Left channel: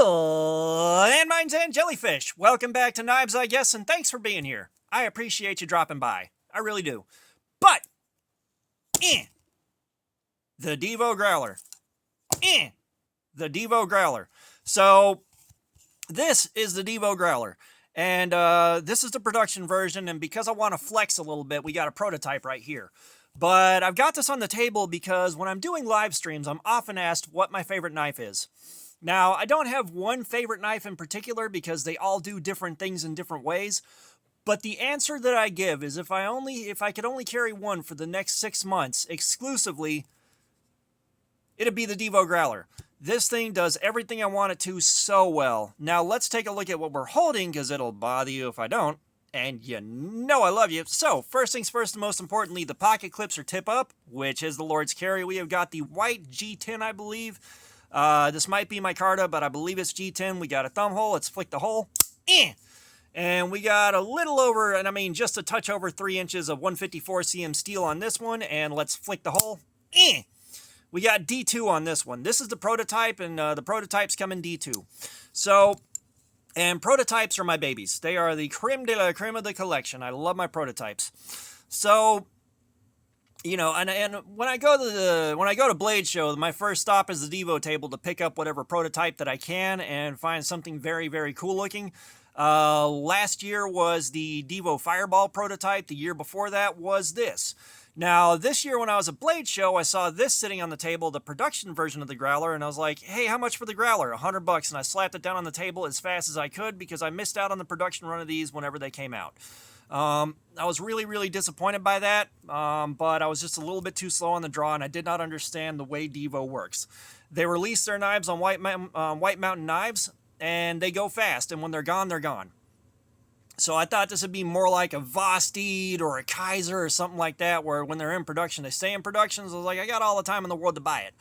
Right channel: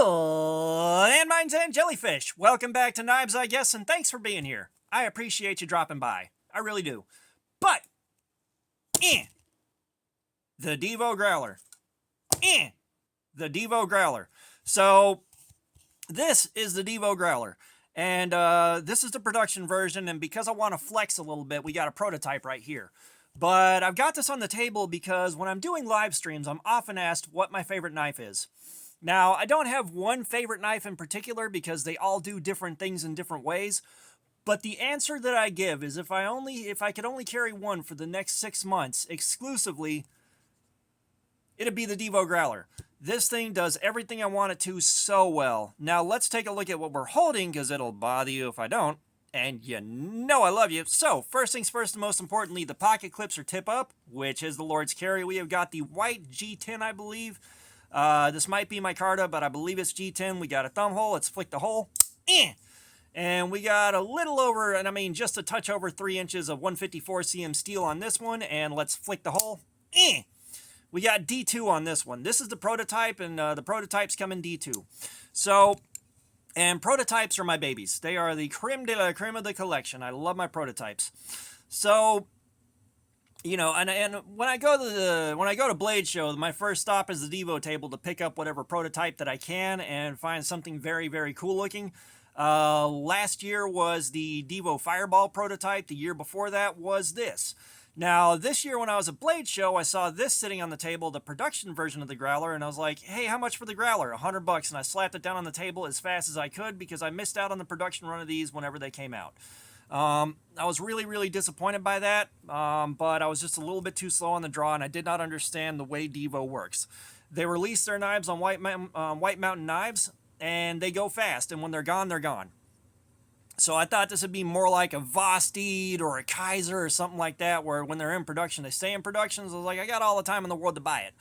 Landmines and jellyfish. Welcome back to Knives, I guess, and thanks for being here. I appreciate you dropping by. I really do. But, the Divo Growler. The Divo Growler. So, this is the Divo Growler. And this is the production version, and because I want to flex a little bit, we got a prototype right here. But I've got this on the table because when I'm doing live streams, I'm often asked what my favorite knife is. Now, I don't have one favorite knife in particular because they all do different things in different ways. But the answer that I give is if I could only carry one for the next 6 months exclusively, it'd be the Divo Growler. This thing does everything I want it to so well. Now, let's take a look at what we're holding because it'll bother you if I don't. And you know I love you. So, first things first and most importantly, the pocket clips are tip up, which is the Lord's carry. We have got the white G10, I believe. This might be micarta, but I believe it's G10. We got a thumb hole. Let's flick the hole. And we got a little over, and I mean just a touch over 3 inches of 154 cm steel on this one. And let's flick the hole. We got D2 on this one. This is the prototype, and the prototypes come in D2. So, and prototypes are my babies. They are the creme de la creme of the collection. I love my prototypes. So, you know, and when I go to Blade Show, my first stop is the Divo table to pick up whatever prototype that I can and find something very, very cool looking. Last year was the Divo Fireball prototype. The year before that was this. Now, this year when I was at Blade Show, I saw this sitting on the table, the production version of the Growler, and I was like, hey, how much for the Growler? $100, and I slapped it down on the table as fast as I could because I missed out on the production run of these whenever they came out. I was really, really disappointed by that, but I was just a little bit too slow on the draw, and I did not understand the way Divo works. They release their knives on White Mountain Knives, and they go fast, and when they're gone, they're gone. So I thought this would be more like a Vosteed or a Kaiser or something like that, where when they're in production, they stay in production. So I was like, I got all the time in the world to buy it.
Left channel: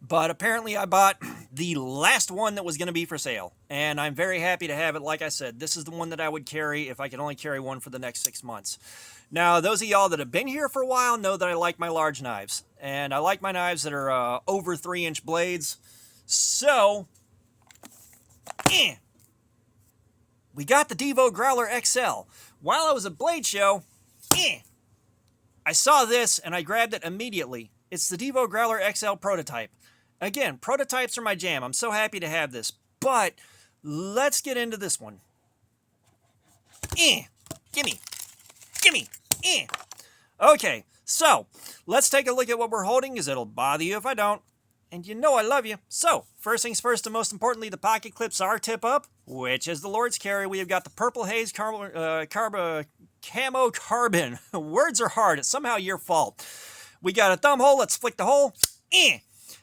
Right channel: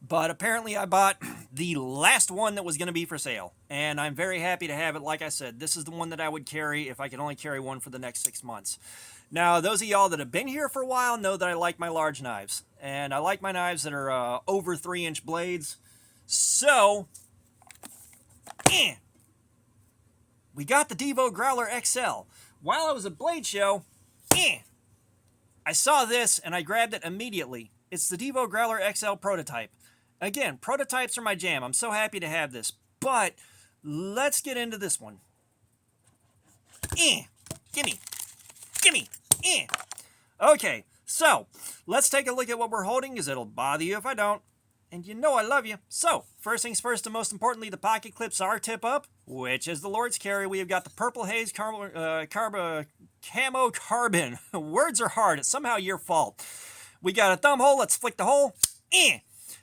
But apparently I bought the last one that was going to be for sale. And I'm very happy to have it. Like I said, this is the one that I would carry if I could only carry one for the next 6 months. Now, those of y'all that have been here for a while know that I like my large knives. And I like my knives that are over 3-inch blades. So, we got the Divo Growler XL. While I was at Blade Show, I saw this and I grabbed it immediately. It's the Divo Growler XL prototype. Again, prototypes are my jam. I'm so happy to have this. But let's get into this one. Gimme. Okay, so let's take a look at what we're holding because it'll bother you if I don't. And you know I love you. So, first things first and most importantly, the pocket clips are tip up, which is the Lord's carry. We have got the Purple Haze Camo Carbon. Words are hard. It's somehow your fault. We got a thumb hole. Let's flick the hole.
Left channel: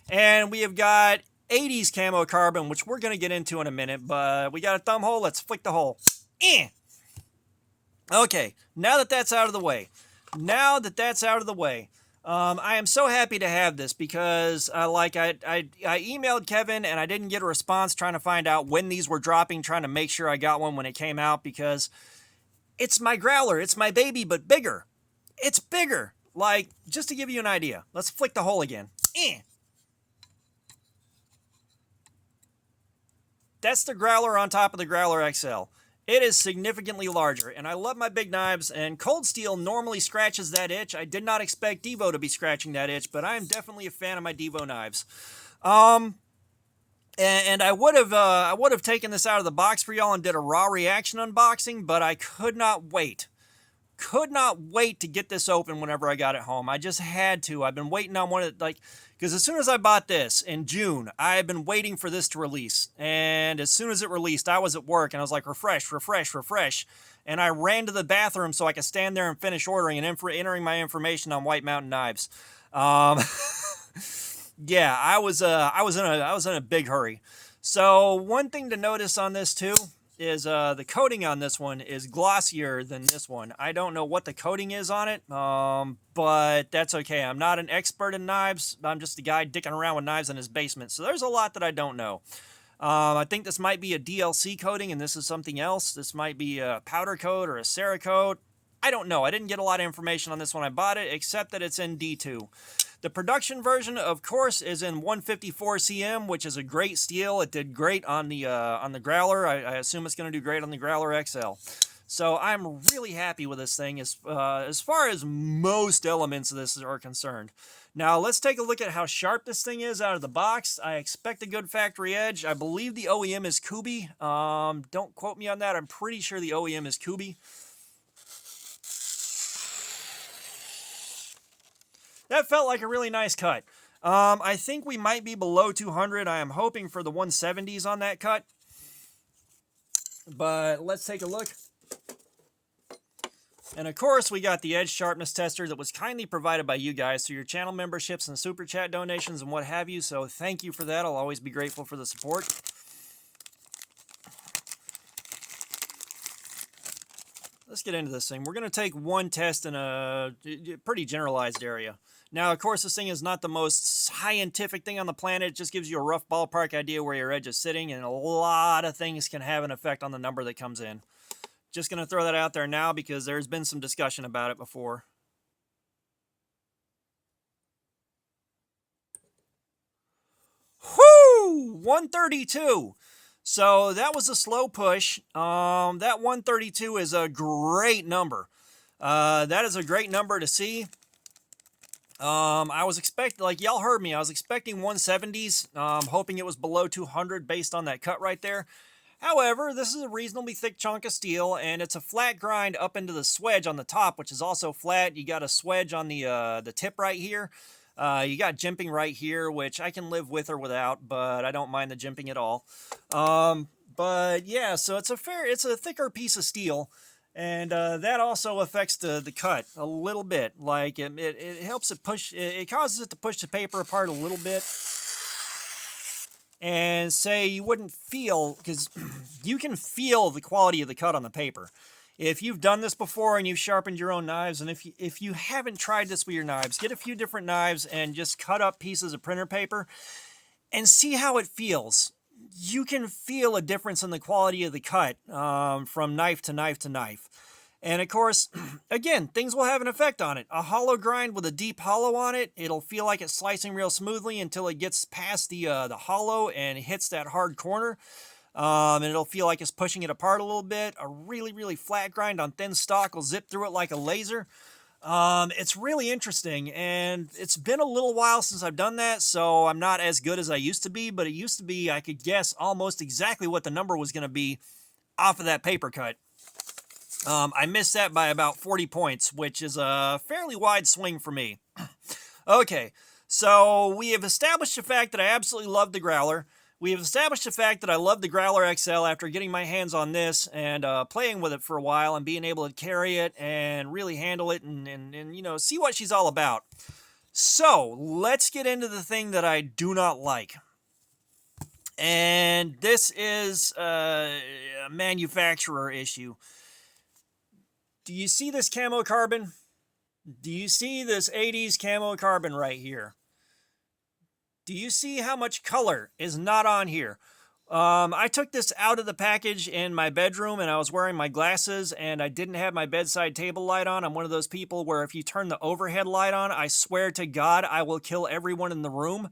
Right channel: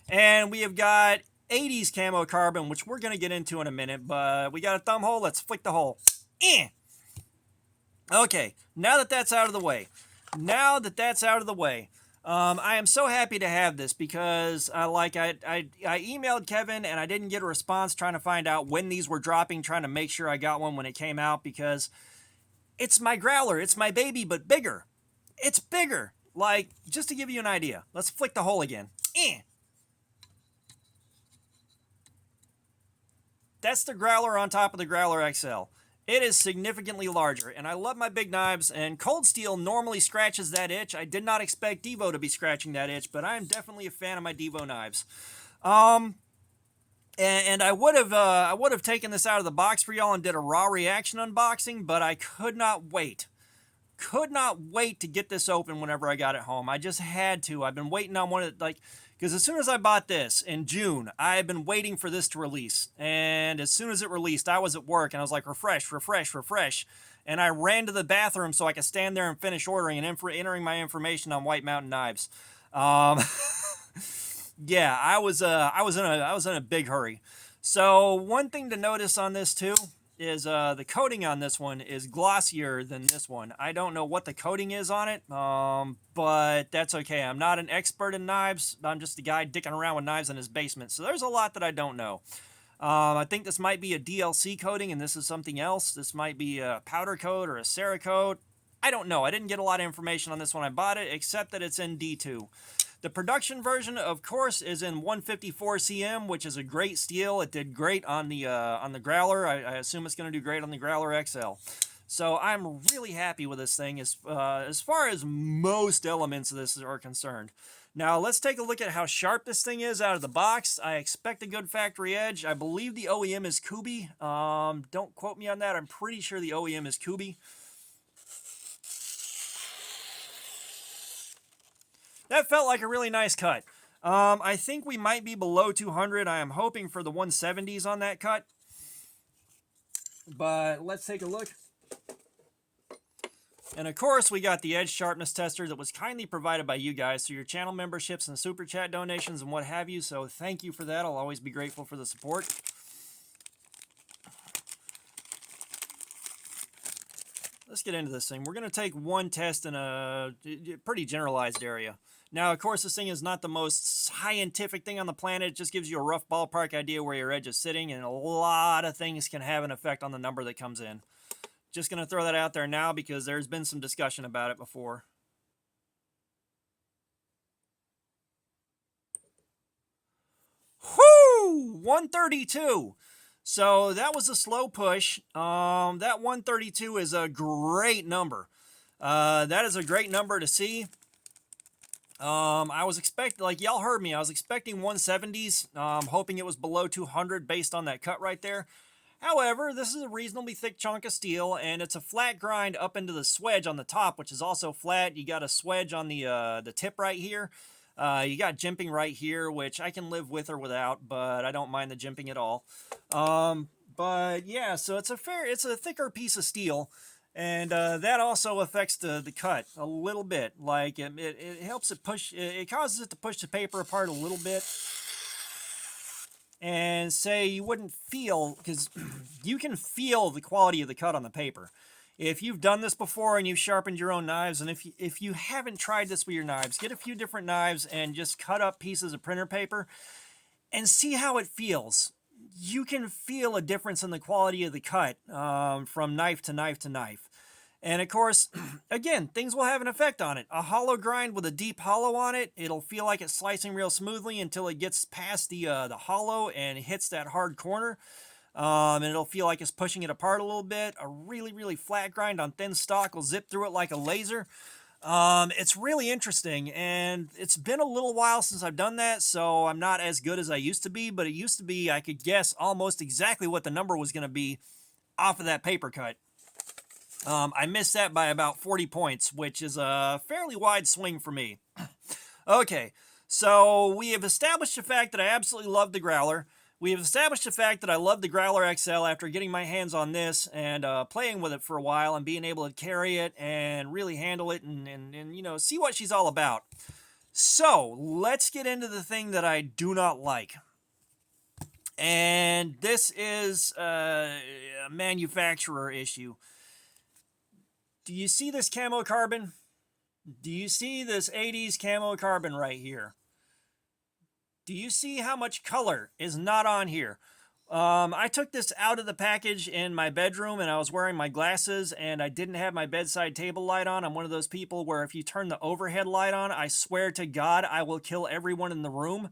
And we have got 80s Camo Carbon, which we're going to get into in a minute. But we got a thumb hole. Let's flick the hole. Okay, now that that's out of the way. I am so happy to have this because I emailed Kevin and I didn't get a response trying to find out when these were dropping, trying to make sure I got one when it came out because it's my Growler. It's my baby, but bigger. It's bigger. Like, just to give you an idea, let's flick the hole again. That's the Growler on top of the Growler XL. It is significantly larger, and I love my big knives, and Cold Steel normally scratches that itch. I did not expect Divo to be scratching that itch, but I am definitely a fan of my Divo knives. And I would have taken this out of the box for y'all and did a raw reaction unboxing, but I could not wait. Could not wait to get this open whenever I got it home. I just had to. I've been waiting on one of because as soon as I bought this in June, I had been waiting for this to release. And as soon as it released, I was at work and I was like, refresh. And I ran to the bathroom so I could stand there and finish ordering and entering my information on White Mountain Knives. Yeah, I was in a big hurry. So one thing to notice on this too is the coating on this one is glossier than this one. I don't know what the coating is on it, but that's okay. I'm not an expert in knives. I'm just a guy dicking around with knives in his basement. So there's a lot that I don't know. I think this might be a DLC coating and this is something else. This might be a powder coat or a Cerakote. I don't know. I didn't get a lot of information on this when I bought it, except that it's in D2. The production version, of course, is in 154 cm, which is a great steel. It did great on the Growler. I assume it's going to do great on the Growler XL. So I'm really happy with this thing as far as most elements of this are concerned. Now let's take a look at how sharp this thing is out of the box. I expect a good factory edge. I believe the OEM is Kubi. Don't quote me on that. I'm pretty sure the OEM is Kubi. That felt like a really nice cut. I think we might be below 200. I am hoping for the 170s on that cut. But let's take a look. And of course, we got the edge sharpness tester that was kindly provided by you guys through your channel memberships and super chat donations and what have you. So thank you for that. I'll always be grateful for the support. Let's get into this thing. We're going to take one test in a pretty generalized area. Now, of course, this thing is not the most scientific thing on the planet. It just gives you a rough ballpark idea where your edge is sitting, and a lot of things can have an effect on the number that comes in. Just going to throw that out there now because there's been some discussion about it before. Whoo! 132. So that was a slow push. That 132 is a great number. That is a great number to see. I was expecting, like y'all heard me, I was expecting 170s, hoping it was below 200 based on that cut right there. However, this is a reasonably thick chunk of steel, and it's a flat grind up into the swedge on the top, which is also flat. You got a swedge on the tip right here. You got jimping right here, which I can live with or without, but I don't mind the jimping at all. But yeah, so it's a thicker piece of steel, and that also affects the cut a little bit. Like it helps it push, it causes it to push the paper apart a little bit. And say you wouldn't feel, because you can feel the quality of the cut on the paper. If you've done this before and you've sharpened your own knives, and if you haven't tried this with your knives, get a few different knives and just cut up pieces of printer paper and see how it feels. You can feel a difference in the quality of the cut from knife to knife to knife. And of course, again, things will have an effect on it. A hollow grind with a deep hollow on it, it'll feel like it's slicing real smoothly until it gets past the hollow and hits that hard corner. And it'll feel like it's pushing it apart a little bit. A really, really flat grind on thin stock will zip through it like a laser. It's really interesting, and it's been a little while since I've done that, so I'm not as good as I used to be, but it used to be I could guess almost exactly what the number was going to be off of that paper cut. I missed that by about 40 points, which is a fairly wide swing for me. Okay, so we have established the fact that I absolutely love the Growler. We have established the fact that I love the Growler XL after getting my hands on this and playing with it for a while and being able to carry it and really handle it and you know, see what she's all about. So, let's get into the thing that I do not like. And this is a manufacturer issue. Do you see this camo carbon? Do you see this 80s camo carbon right here? Do you see how much color is not on here? I took this out of the package in my bedroom and I was wearing my glasses and I didn't have my bedside table light on. I'm one of those people where if you turn the overhead light on, I swear to God, I will kill everyone in the room.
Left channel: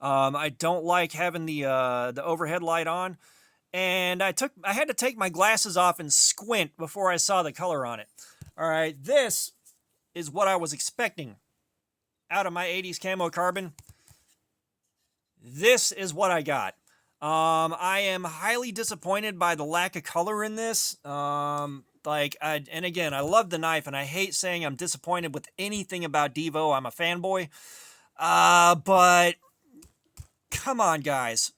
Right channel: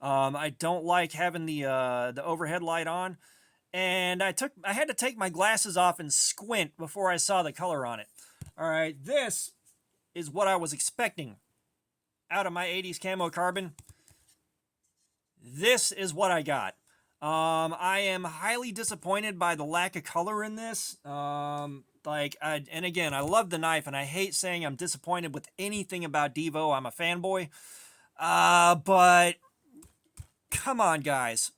I don't like having the overhead light on. And I had to take my glasses off and squint before I saw the color on it. All right, this is what I was expecting out of my 80s camo carbon. This is what I got. I am highly disappointed by the lack of color in this. And again, I love the knife, and I hate saying I'm disappointed with anything about Divo. I'm a fanboy. But come on, guys.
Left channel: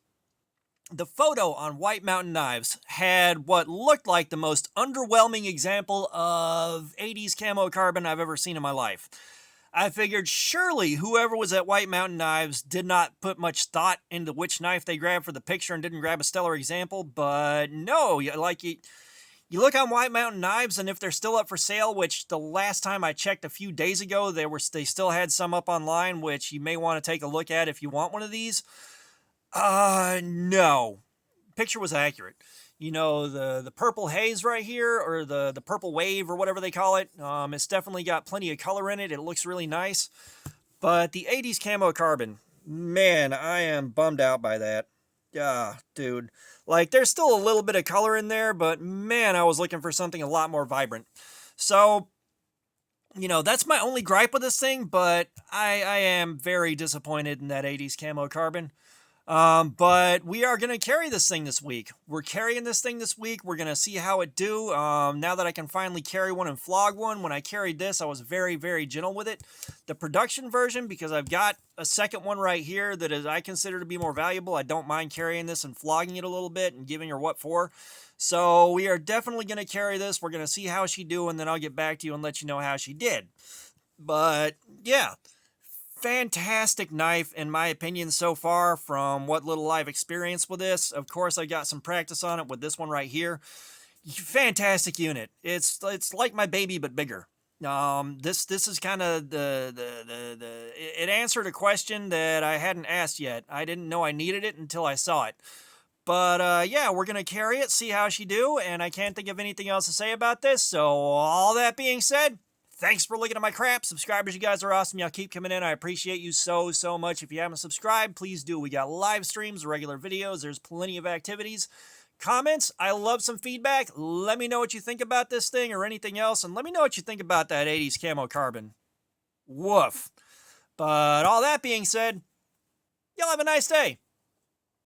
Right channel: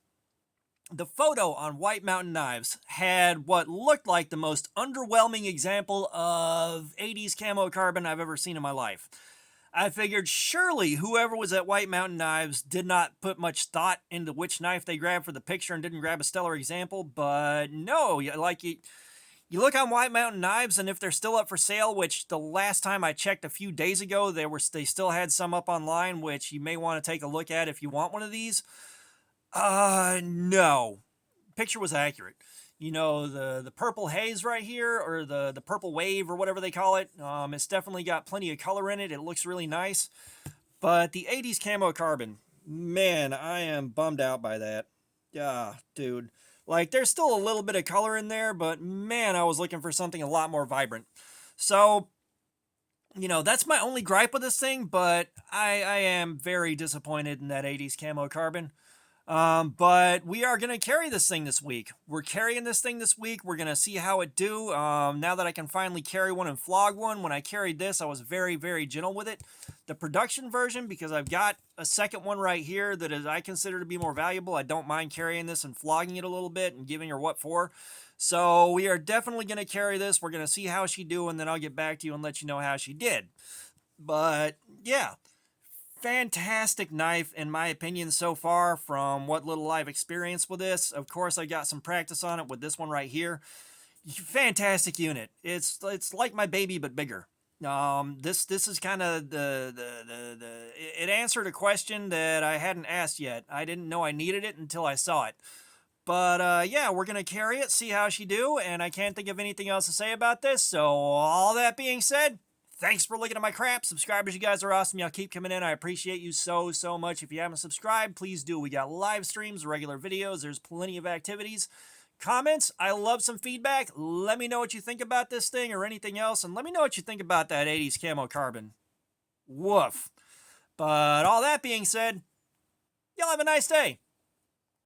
The photo on White Mountain Knives had what looked like the most underwhelming example of 80s camo carbon I've ever seen in my life. I figured surely whoever was at White Mountain Knives did not put much thought into which knife they grabbed for the picture and didn't grab a stellar example, but no, like you look on White Mountain Knives, and if they're still up for sale, which the last time I checked a few days ago, they still had some up online, which you may want to take a look at if you want one of these. No. Picture was accurate. You know, the purple haze right here, or the purple wave, or whatever they call it, it's definitely got plenty of color in it. It looks really nice. But the 80s camo carbon, man, I am bummed out by that. Yeah, dude. Like, there's still a little bit of color in there, but man, I was looking for something a lot more vibrant. So, that's my only gripe with this thing, but I am very disappointed in that 80s camo carbon. But we are going to carry this thing this week. We're carrying this thing this week. We're going to see how it do. Now that I can finally carry one and flog one. When I carried this, I was very, very gentle with it. The production version, because I've got a second one right here that is I consider to be more valuable. I don't mind carrying this and flogging it a little bit and giving her what for. So we are definitely going to carry this. We're going to see how she do, and then I'll get back to you and let you know how she did. But yeah, fantastic knife in my opinion so far from what little I've experienced with this. Of course, I got some practice on it with this one right here. Fantastic unit. It's like my baby but bigger. This is kind of it answered a question that I hadn't asked yet. I didn't know I needed it until I saw it. But yeah, we're gonna carry it, see how she do, and I can't think of anything else to say about this. So all that being said, thanks for looking at my crap. Subscribers, you guys are awesome. Y'all keep coming in. I appreciate you so, so much. If you haven't subscribed, please do. We got live streams, regular videos. There's plenty of activities. Comments, I love some feedback. Let me know what you think about this thing or anything else. And let me know what you think about that 80s camo carbon. Woof. But all that being said, y'all have a nice day.